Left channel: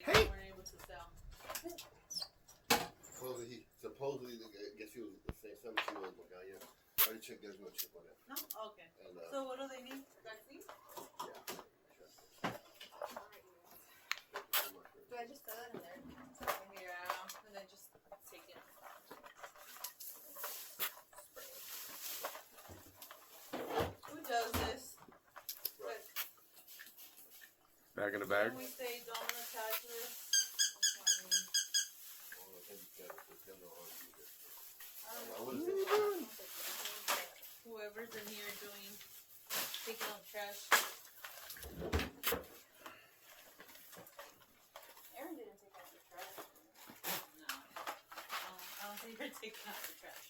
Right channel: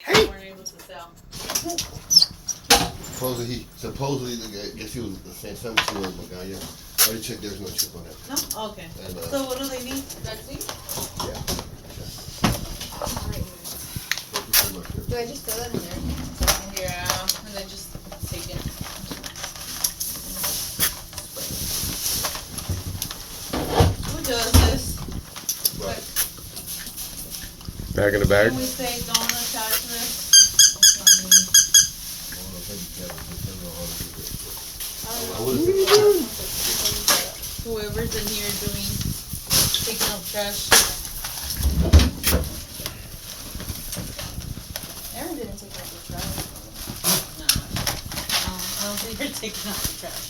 Hey. weren't able to sell. Supposedly, I guess he was saying something to him, but yeah. I already checked, there's no chip on it. No? Okay. And, So what do they need? Vaccine? yeah. Thank you so much. Do I just throw that in there? Yeah, and then just take it. Who does this? Right. Back in the bag. Can we say don't attach this? I would have said Whoever's in here doing, taking out trash. Aaron didn't take out the trash. No. I don't think you're taking out the trash.